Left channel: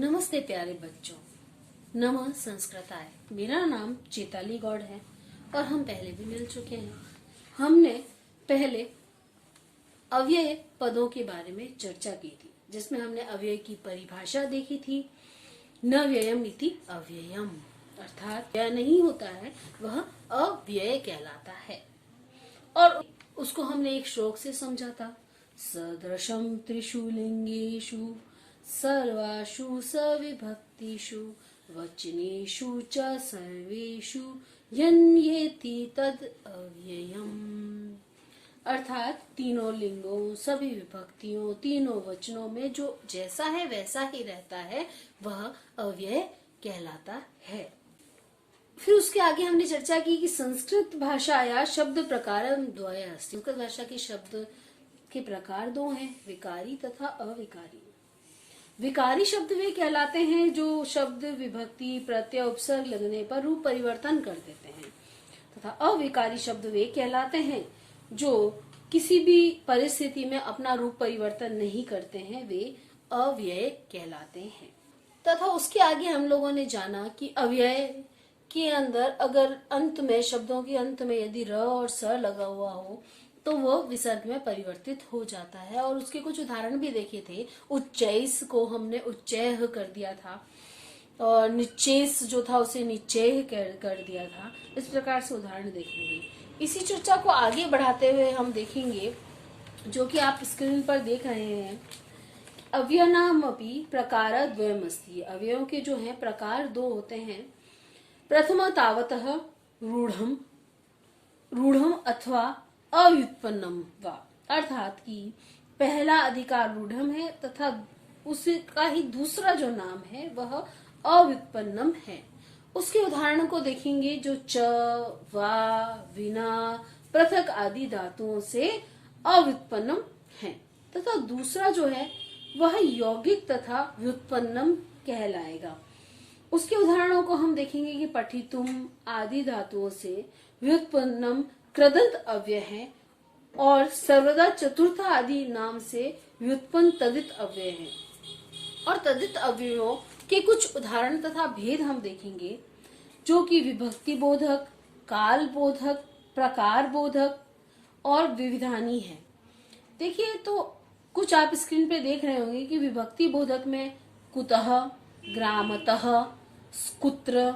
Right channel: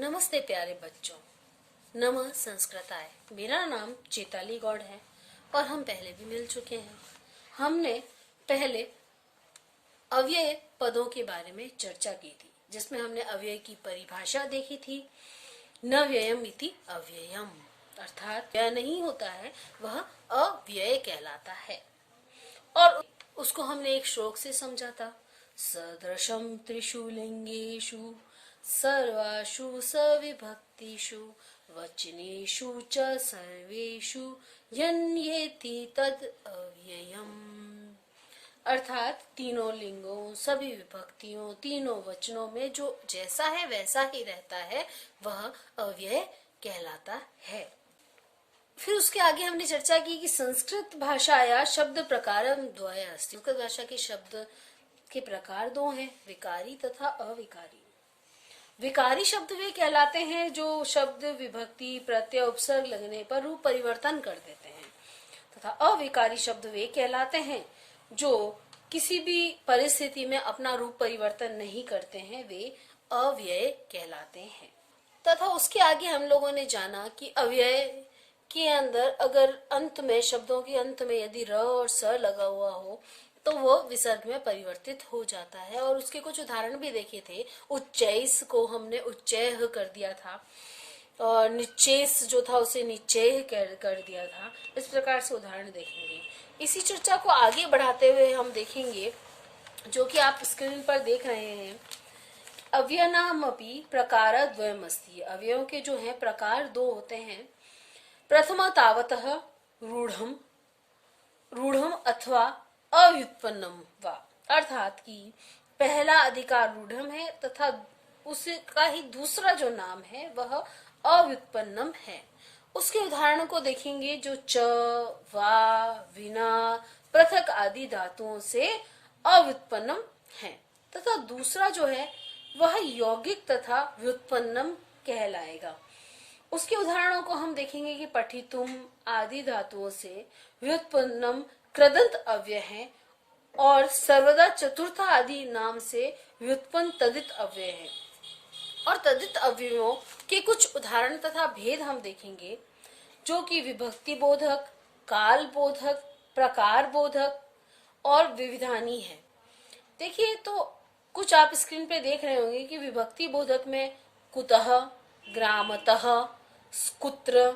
नमस्ते प्यारे बच्चों। नमः संस्कृताय। मेरा नाम चेताली गौड़ है और हम पहले भी मिल चुके हैं। हमने पहले अव्यय पदों के बारे में चर्चा की थी, जिसमें हमने अव्यय की परिभाषा देखी थी। न व्ययम इति अव्ययम, अर्थात व्यय नहीं होता है वह अव्यय कहलाता है। और उसको हमने एक श्लोक से समझा था। सदृशम त्रिषु लिंगेषु सर्वासु सविभक्तिषु वचनेषु च सर्वेषु यन्येति तद अव्ययम्, अर्थात तीनों लिंगों, सभी विभक्तियों, तीनों वचनों में जो जैसा है वैसा ही रहता है वह अव्यय कहलाता है। फिर उसके आगे हमने चर्चा की कि संस्कृत भाषाया शब्द प्रकारम द्वयः, संस्कृत भाषा के शब्द के प्रकार दो हैं, विकारी तथा अविकारी। विकारी शब्द वे कहलाते हैं जो शब्द विभक्ति प्रत्यय उपसर्ग लगने पर रूप परिवर्तन कर देते हैं, तथा अविकारी शब्द वे कहलाते हैं जो किसी भी परिस्थिति में अपना रूप परिवर्तन नहीं करते हैं, वे अव्यय कहलाते हैं। तथा उसके आगे हम लोगों ने जाना कि अव्यय के अंदर अगर अंत में, शब्दों के अंत में यदि र और स लगा हुआ हो तो वो विसर्ग में परिवर्तित हो जाता है। और उसके कुछ उदाहरण भी देखे थे। उच्चैस को हमने उच्चैह कर दिया था और निश्चेस जो था उसे निश्चय कर दिया था। इस प्रकार से उदाहरण देखेंगे। इसी चर्चा को आगे बढ़ाते हुए हम देखेंगे, जो कि आप स्क्रीन पर देख रहे हैं, अव्ययनामपि प्रकार द्वयमस्ति। अवयवों के जो है प्रकार दो होते हैं। प्रथम तावतः रूढ़म, रूढ़म अथवा अव्युत्पन्नम वा, अर्थात कि पहला अधिकार रूढ़म है तथा उसका ही दूसरा जो नाम है वह अव्युत्पन्नम है। उसके उदाहरण को देखेंगे जो च, वा, विना, पृथक आदि धातुओं से अव्युत्पन्नम है, तथा दूसरा जो है वह यौगिक तथा व्युत्पन्नम कहलाएगा। उसके उदाहरणों को हम देखेंगे कि पठितुम आदि धातुओं से व्युत्पन्नम कृदंत अव्यय है और सर्वदा चतुर्थ आदि नाम से व्युत्पन्न तदित अव्यय है। और तदित अव्ययों के कुछ उदाहरण तथा भेद हम देखेंगे, जो कि विभक्ति बोधक, काल बोधक, प्रकार बोधक और विविधानी है। देखिए, तो कुछ आप स्क्रीन पे देख रहे होंगे कि विभक्ति बोधक में कुतः, ग्रामतः, कुत्र,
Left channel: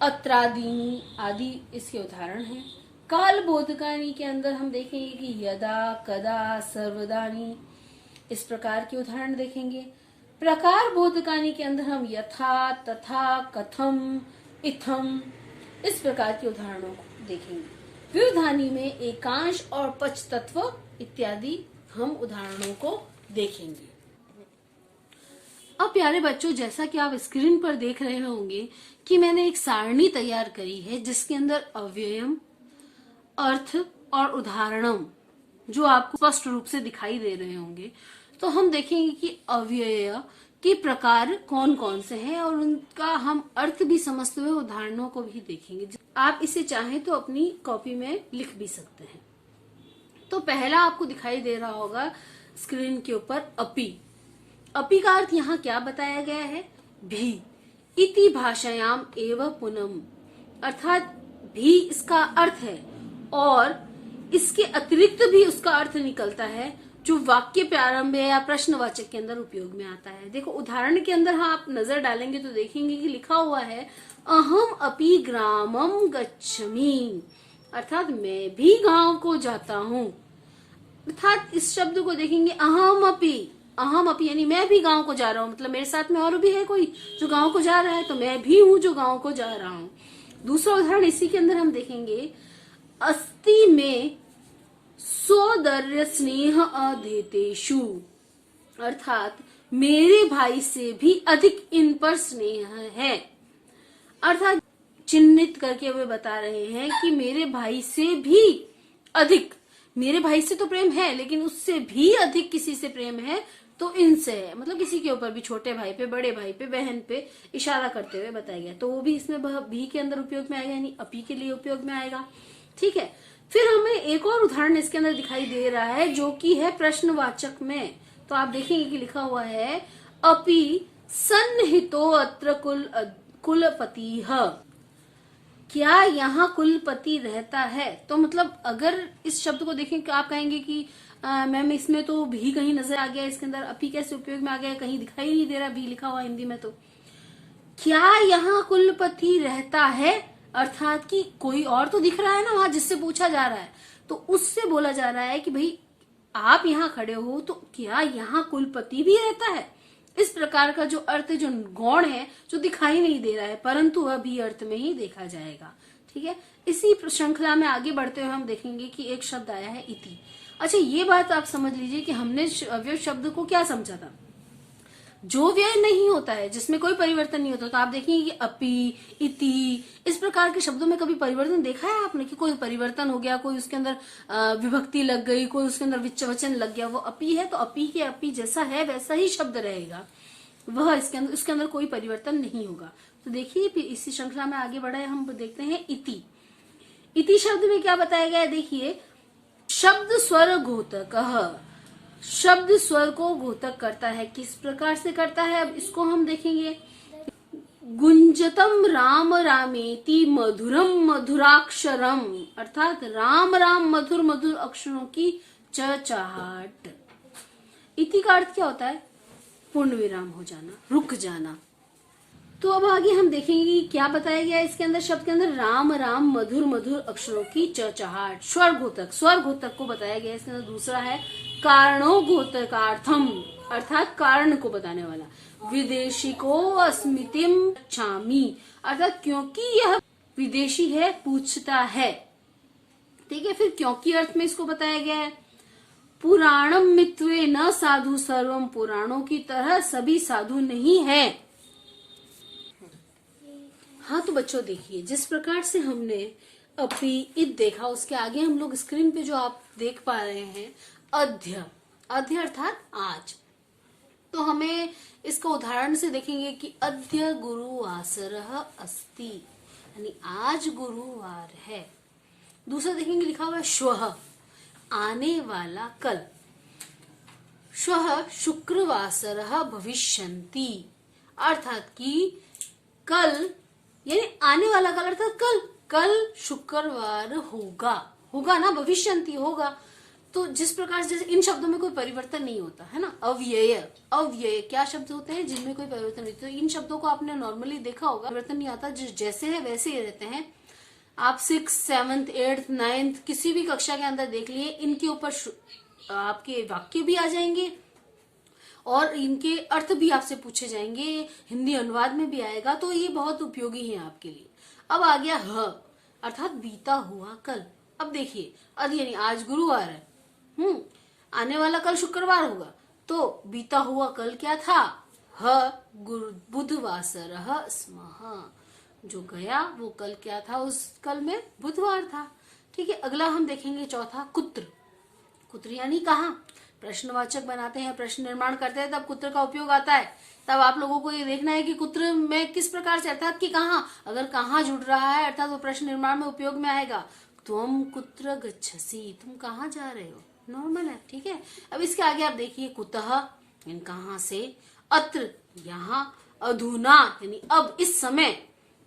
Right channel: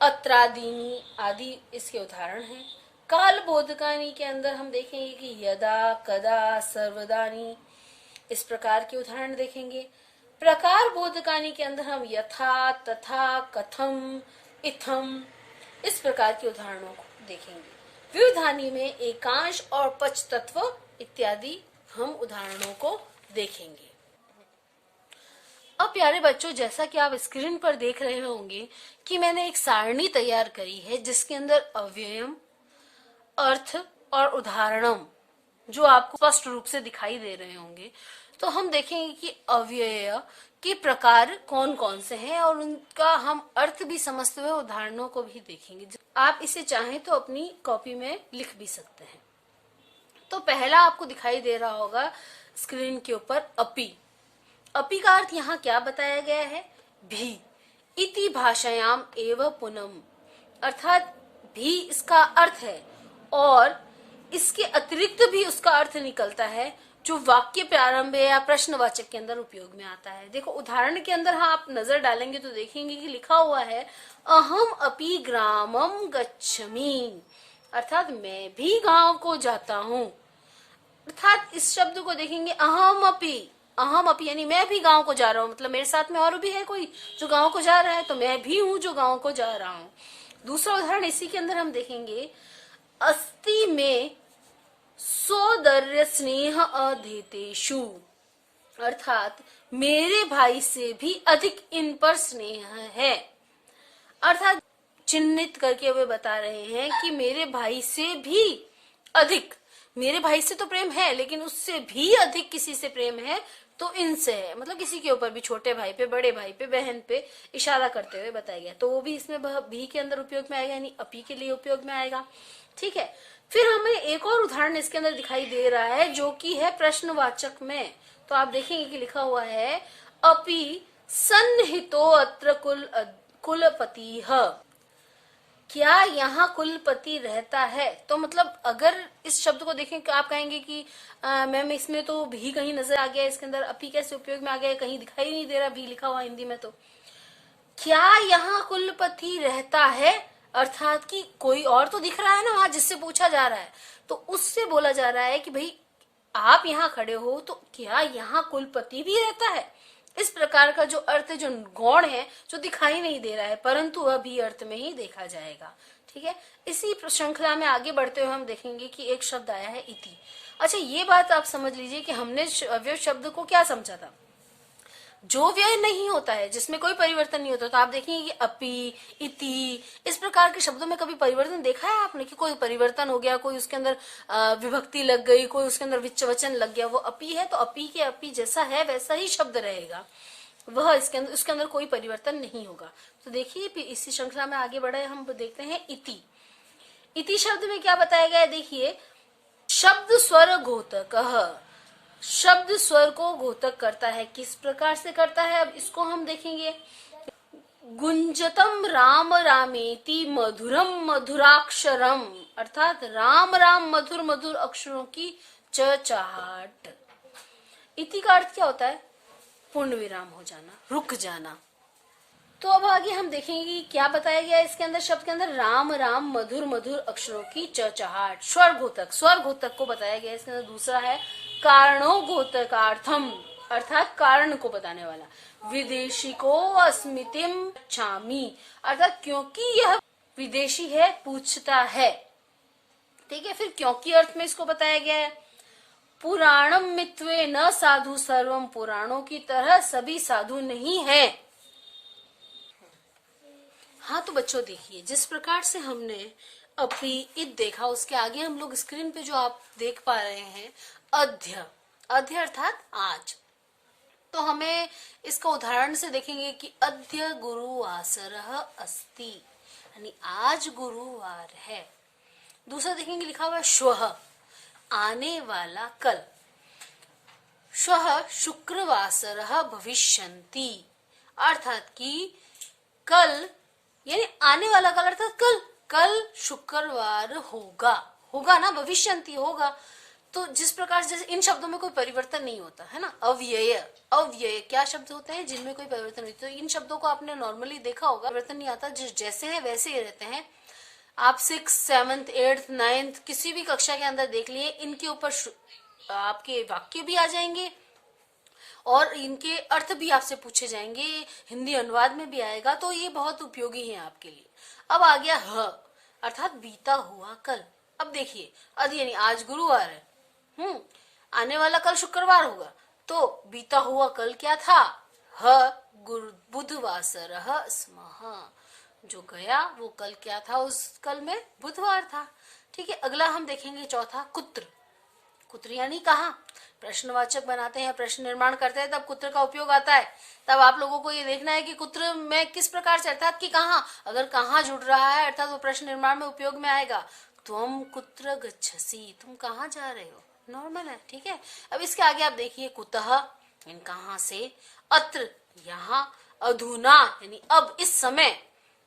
अत्रादीनि आदि इसके उदाहरण हैं। काल बोधकानी के अंदर हम देखेंगे कि यदा, कदा, सर्वदानी, इस प्रकार के उदाहरण देखेंगे। प्रकार बोधकानी के अंदर हम यथा, तथा, कथम, इथम, इस प्रकार के उदाहरणों को देखेंगे। विविधानी में एकांश और पच तत्व इत्यादि हम उदाहरणों को देखेंगे। अब प्यारे बच्चों, जैसा कि आप स्क्रीन पर देख रहे होंगे कि मैंने एक सारणी तैयार करी है जिसके अंदर अव्ययम, अर्थ और उदाहरणम जो आपको स्पष्ट रूप से दिखाई दे रहे होंगे। तो हम देखेंगे कि अव्यय के प्रकार कौन कौन से हैं और उनका हम अर्थ भी समझते हुए उदाहरणों को भी देखेंगे। आप इसे चाहें तो अपनी कॉपी में लिख भी सकते हैं। तो पहला आपको दिखाई दे रहा होगा स्क्रीन के ऊपर अपि। अपि का अर्थ यहाँ क्या बताया गया है? भी। इति भाषायाम एव पुनम, अर्थात भी इसका अर्थ है और इसके अतिरिक्त भी उसका अर्थ निकलता है जो वाक्य प्रारंभ या प्रश्नवाचक के अंदर उपयोग में आता है। देखो, उदाहरण के अंदर आप नजर डालेंगे तो देखेंगे कि लिखा हुआ है अहम अपि ग्रामम गच्छमि, अर्थात मैं भी गांव को जाता हूँ। अर्थात इस शब्द को देखेंगे अहम अपि यानी मैं भी गांव को जा रहा हूँ, मतलब मेरे साथ में और भी है कोई जो गांव को जा रहा है, तो मैं भी हूँ जो गांव को जा रहा हूँ। दूसरा उदाहरण इसी के अंदर हम देखेंगे अस्ति में सोदर्य स्नेह अधेतेषु, अर्थात मेरे भाई से भी अधिक इन पर स्नेह है। अर्थात चिन्हित करके वे बता रहे हैं कि मेरे भाई से भी अधिक, मेरे भाई से तो प्रेम है लेकिन उससे भी अधिक किसी से प्रेम है तो इनसे है, मतलब किसी के ऊपर भी, छोटे भाई पे, बड़े भाई पे, बहन पे इशारा करते हुए बताया गया। तो वो भी इसमें भी के अंदर उपयोग में आएगा, यानी अपी के लिए उपयोग में आएगा। ठीक है। फिर हमें एक और उदाहरण इसके अंदर दिखाई दे रहा है जो कि है प्रश्नवाचक में। तो आप देखेंगे कि लिखा हुआ है अपि सन्निहितो अत्र कुलपतिः। क्या यहाँ कुलपति रहता है? तो मतलब अगर इस शब्द को देखें तो आप कहेंगे कि मैम इसमें तो भी कहीं नजर आ गया, इसके अंदर अपी कैसे उपयोग में आ गया, कहीं दिखाई नहीं दे रहा भी लिखा हुआ हिंदी में। तो क्या यहाँ कुलपति रहता है, अर्थात कि कोई और तो दिख रहा है ना वहां जिससे पूछा जा रहा है, तो उससे बोला जा रहा है कि भाई आप यहाँ खड़े हो तो क्या यहाँ कुलपति भी रहता है। इस प्रकार का जो अर्थ जो गौण है जो दिखाई नहीं दे रहा है परंतु वह भी अर्थ में ही देखा जाएगा। ठीक है, इसी श्रृंखला में आगे बढ़ते हुए हम देखेंगे कि एक शब्द आया है इति। अच्छा, ये बात आप समझ लीजिए कि हमने अव्यय शब्द को क्या समझा था, जो व्यय नहीं होता है, जिसमें कोई परिवर्तन नहीं होता। तो आप देखेंगे कि अपि, इति, इस प्रकार के शब्दों में कभी परिवर्तन देखा है आपने कि कोई परिवर्तन हो गया, कोई उसके अंदर विभक्ति लग गई, कोई उसके अंदर विच्छेदन लग गया। वो अपि है तो अपि के अपि जैसा है वैसा ही शब्द रहेगा, वह इसके अंदर कोई परिवर्तन नहीं होगा। तो देखिए इसी श्रृंखला में आगे बढ़े हम देखते हैं इति। इति शब्द में क्या बताया गया है, देखिए शब्द स्वर घोतक, शब्द स्वर को घोतक करता है। किस प्रकार से करता है, अब इसको हम देखेंगे। गुंजतम राम रामेति मधुरम मधुराक्षरम, अर्थात राम राम मधुर मधुर अक्षरों की चहचहाट। इति का अर्थ क्या होता है, पूर्ण विराम हो जाना, रुक जाना। तो अब आगे हम देखेंगे कि क्या बताया गया इसके अंदर, शब्द के अंदर राम राम मधुर मधुर अक्षरों की चहचहाट। स्वर घोतक को बताया गया। इसके अंदर दूसरा है कारणो घोतकार्थम, अर्थात कारण को बताने वाला। विदेशी को अस्मितिम छामी, अर्थात क्योंकि यह विदेशी है पूछता है। ठीक है, फिर क्योंकि अर्थ में इसको बताया गया है। पुराणम मित्वे न साधु सर्वम, पुराणों की तरह सभी साधु नहीं है। हाँ तो बच्चों देखिए, जिस प्रकार से हमने अपनी इत देखा, उसके आगे हम लोग स्क्रीन पे जो आप देख पा रहे हैं अध्य, अध्य अर्थात आज। तो हमें इसका उदाहरण से देखेंगे कि अद्य गुरुवासरः अस्ति, यानी आज गुरुवार है। दूसरा देखेंगे लिखा हुआ श्वः, आने वाला कल। श्वः शुक्रवासरः भविष्यन्ति, अर्थात कि कल यानी आने वाला कल, अर्थात कल शुक्रवार होगा ना, भविष्यन्ति होगा। तो जिस प्रकार से, जैसे इन शब्दों में कोई परिवर्तन नहीं होता है ना, अव्यय क्या शब्द होते हैं जिनमें कोई परिवर्तन नहीं। तो इन शब्दों को आपने नॉर्मली देखा होगा, परिवर्तन नहीं आता, जैसे है वैसे ही रहते हैं। आप 6th 7th 8th 9th किसी भी कक्षा के अंदर देख लिए, इनके ऊपर आपके वाक्य भी आ जाएंगे और इनके अर्थ भी आपसे पूछे जाएंगे, हिंदी अनुवाद में भी आएगा। तो ये बहुत उपयोगी है आपके लिए। अब आ गया ह, अर्थात बीता हुआ कल। अब देखिए अद्य यानी आज गुरुवार है, आने वाला कल शुक्रवार होगा, तो बीता हुआ कल क्या था, ह बुधवासरः स्मः, जो गया वो कल क्या था, उस कल में बुधवार था। ठीक है, अगला हम देखेंगे चौथा कुत्र। कुत्र यानी कहाँ, प्रश्नवाचक बनाते हैं, प्रश्न निर्माण करते हैं, तब कुत्र का उपयोग आता है। तब आप लोगों को ये देखना है कि कुत्र में किस प्रकार से, अर्थात कि कहाँ, अगर कहाँ जुड़ रहा है अर्थात वो प्रश्न निर्माण में उपयोग में आएगा। तुम कुत्र गच्छसि, तुम कहाँ जा रहे हो, नॉर्मल है। ठीक है, अब इसके आगे आप देखिए कुतः यानी कहाँ से, अत्र यहाँ, अधुना यानी अब इस समय,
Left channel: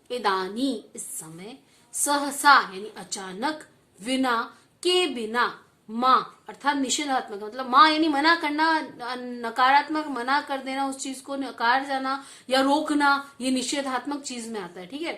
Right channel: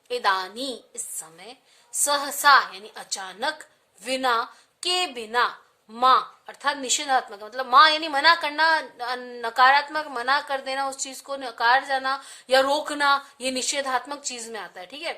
इदानी इस समय, सहसा यानी अचानक, विना के बिना, माँ अर्थात निषेधात्मक, मतलब माँ यानी मना करना, नकारात्मक मना कर देना, उस चीज को नकार जाना या रोकना, ये निषेधात्मक चीज में आता है। ठीक है,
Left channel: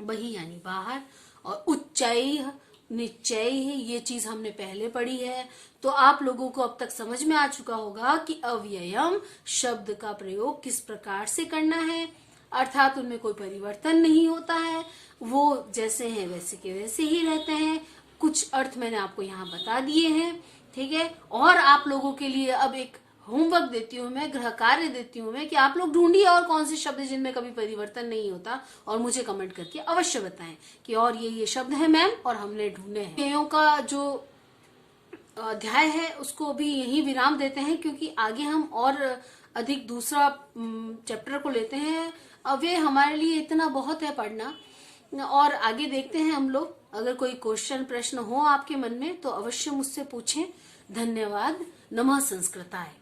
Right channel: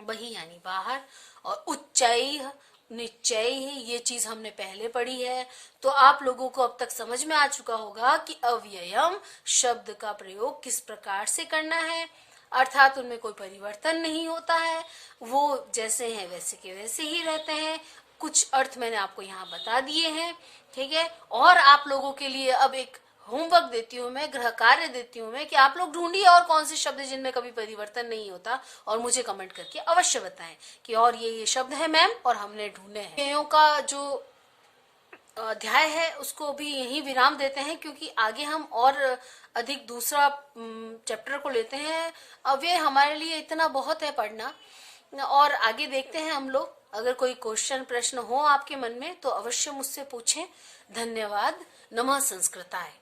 बही यानी बाहर, और उच्चैः निश्चय, ये चीज हमने पहले पढ़ी है। तो आप लोगों को अब तक समझ में आ चुका होगा कि अव्ययम शब्द का प्रयोग किस प्रकार से करना है, अर्थात उनमें कोई परिवर्तन नहीं होता है, वो जैसे हैं वैसे के वैसे ही रहते हैं। कुछ अर्थ मैंने आपको यहाँ बता दिए हैं। ठीक है, और आप लोगों के लिए अब एक होमवर्क देती हूँ मैं, गृह कार्य देती हूँ मैं कि आप लोग ढूंढिए और कौन से शब्द जिनमें कभी परिवर्तन नहीं होता, और मुझे कमेंट करके अवश्य बताएं कि और ये शब्द है मैम और हमने ढूंढे हैं। अव्ययों का जो अध्याय है उसको भी यही विराम देते हैं, क्योंकि आगे हम और अधिक दूसरा चैप्टर को लेते हैं। अव्यय हमारे लिए इतना बहुत है पढ़ना, और आगे देखते हैं हम लोग। अगर कोई क्वेश्चन प्रश्न हो आपके मन में तो अवश्य मुझसे पूछें। धन्यवाद। नमः संस्कृताय।